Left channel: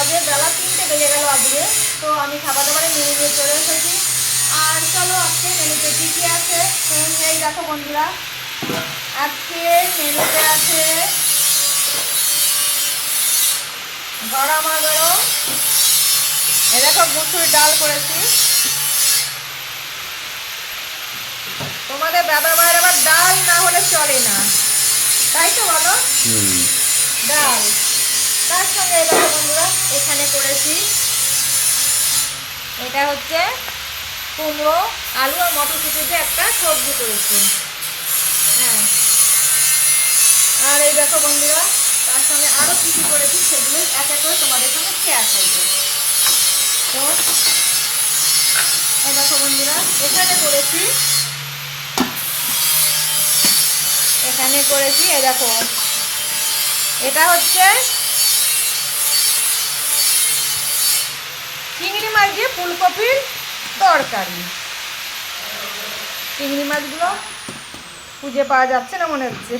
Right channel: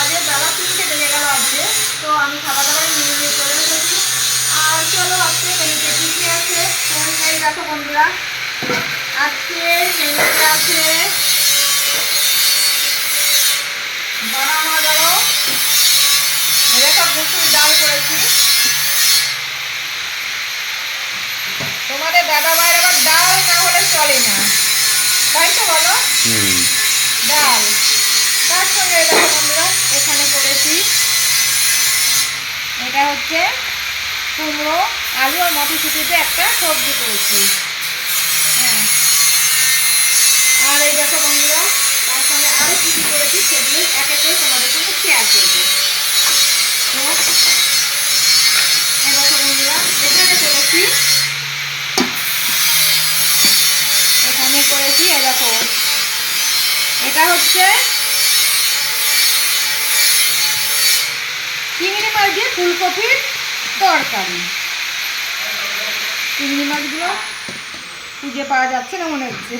বাজে বেলা 3টে বেজে গেল আজকে। তো আমি খাবার দাবারে মেনু নিয়ে চলে এসেছি। আর চলো আজকে মেনুতে কী কী আছে এই দেখো বন্ধুরা। আজকের মেনুতে আছে গরমা গরম এরকম মুসুর ডাল করেছি। তোমাদের দাদা ভাইয়ের আবার ডাল না হলে চলে না, তাই তো বলো? ডাল। তার সঙ্গে দেখো বন্ধুরা এখানে করেছি, এটা হচ্ছে কুমড়ো আলু আর মটরশুঁটিতে একটা সবজি করেছি। হ্যাঁ, আর এই দেখো বন্ধুরা তার সঙ্গে আরও কিছু করেছি, সেগুলো এক এক করে তোমাদের সঙ্গে শেয়ার করবো। তো এই দেখো বন্ধুরা এখানে করেছি এই দেখো, এটা হচ্ছে চিংড়ি মাছ দিয়ে ফুলকপির তরকারি। চিংড়ি মাছগুলো খুঁজে পাওয়া যাচ্ছে না মনে হচ্ছে।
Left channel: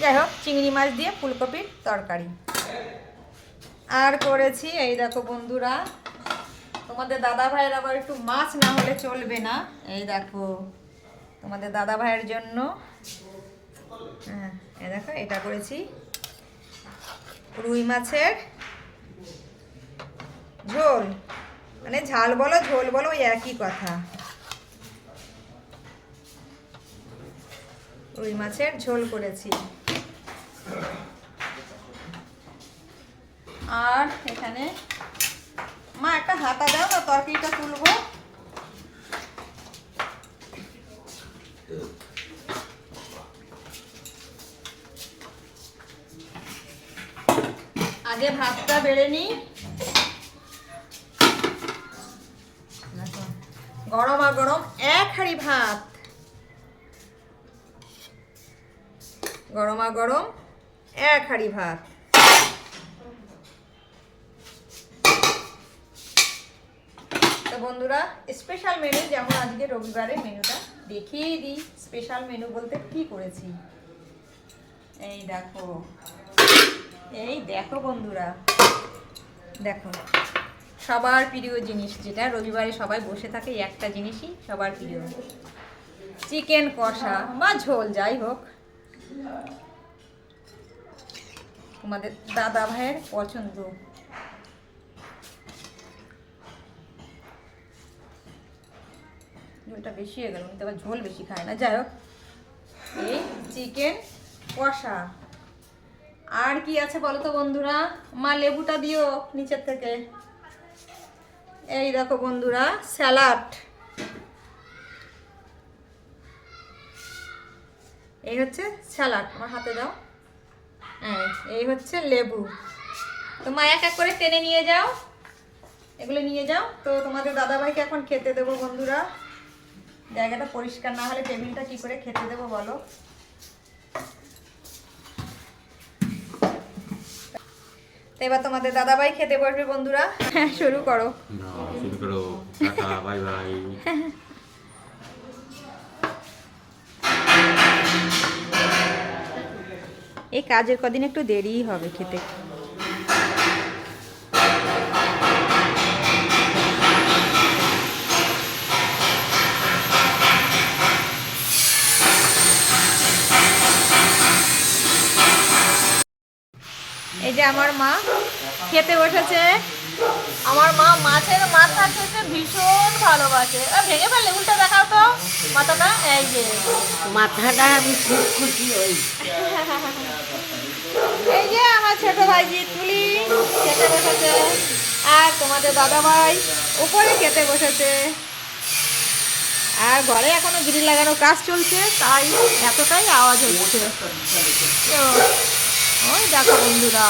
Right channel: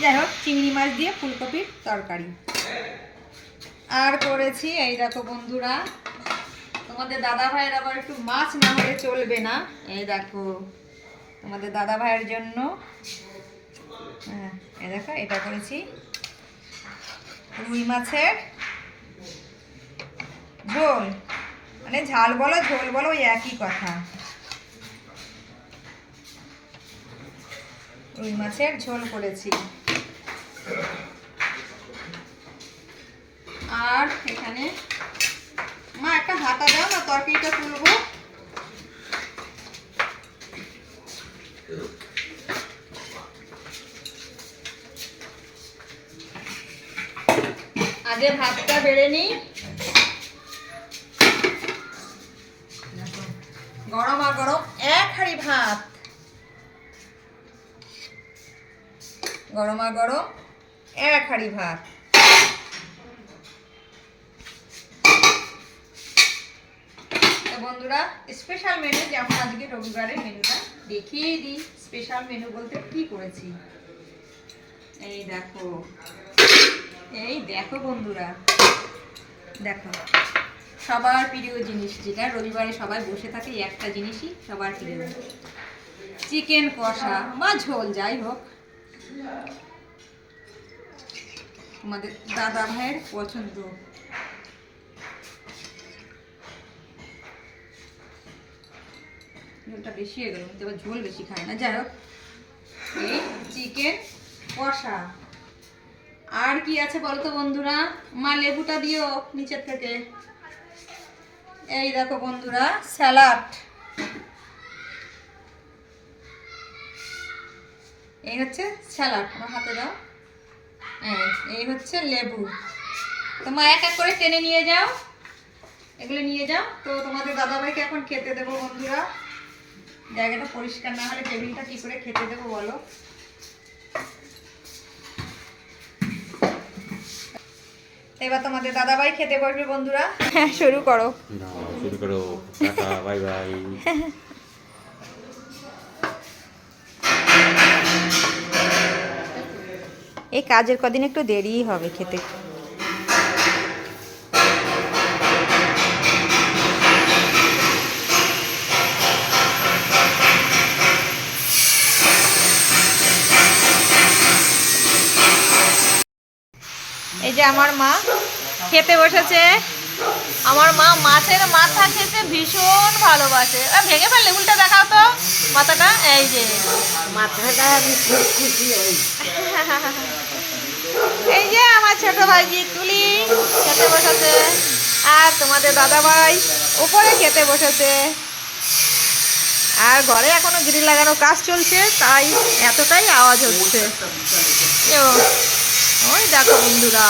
যাই হোক, চিংড়ি মাছ দিয়ে ফুলকপির তরকারি। আর করেছি এই দেখো বন্ধুরা, তোমাদের দাদা ভাইয়ের আবার একটু মাছ না হলে চলবে না। এই দেখো তোমাদের দাদা ভাইয়ের জন্য, হ্যাঁ এই দেখো এটা করেছি রুই মাছের ঝোল, মানে ঝাল বলো ঝোল বলো ওই একই কথা। রুই মাছের ঝোল করেছি। আর এখানে মা একটা হাতা দাও না, তরকারিটা তুলবো। আগে ভাতটা বেড়ে নিই। গরমা গরম এক হাঁড়ি ভাত, গরমা গরম এক হাঁড়ি ভাত। তো বন্ধুরা স্পেশাল মেনু, যেমন আজকে রবিবারের মেনুটা দেখিয়ে দিই। স্পেশাল মেনু বলতে কি করেছি, এই দেখো বন্ধুরা, দেখো সবার প্রিয় জিনিস, যেটা রবিবারে সবাই বসে থাকে একটা জিনিসই সবার প্রিয়, চিকেন কষা বা ঝোল যাই হোক, তোমাদের দাদা ভাইয়ের পছন্দ। ঝোলটা বেশি হয়ে গেল, কিন্তু আবার ঝোল বেশি খায় না। যাই হোক, এই চিকেন কষা। আর কি আছে বলো তো বন্ধুরা? মা লেবুটা দিও নিচের থেকে। এই দেখো বন্ধুরা স্যালাড, এই হচ্ছে স্যালাড, আমার হাতে দাও। এই হচ্ছে লেবু। তো মা এক এক করে টেনে নিয়ে যাও, এগুলো নিয়ে যাও। তো তোমাদের দাদাভাইকে এখন খেতে দেবো বন্ধুরা। জায়গাটা পরিষ্কার না হলে টেবিলটা কি করে খেতে দেবো বলো? এবার তোমাদের দাদাভাই খেতে বসবে বন্ধুরা। হ্যাঁ শুরু করো। শুরু করো, টাটা বাই বাই। এই কাজের কদিন একটু দেরিই হবে খেতে। এই যে আমার মা খেতে বসেছে। আমার মা মাছের মাথা খেতে ভীষণ ভালোবাসে। ভেঙে ফেললে উল্টা দেখাও তো মাথাটা। এই যে মাথাটা আমি খুব খুশি হই। এই যে আমার ছোট ভাইজি তুলি খেতে বসেছে, আর তোমাদের দাদা ভাই উপরে খেতে বসেছে। আর ঘরে এখনো গ্রিল লাগানো কাজ চলছে, তাই এতটাই আওয়াজ হচ্ছে। ওই দেখো বন্ধুরা,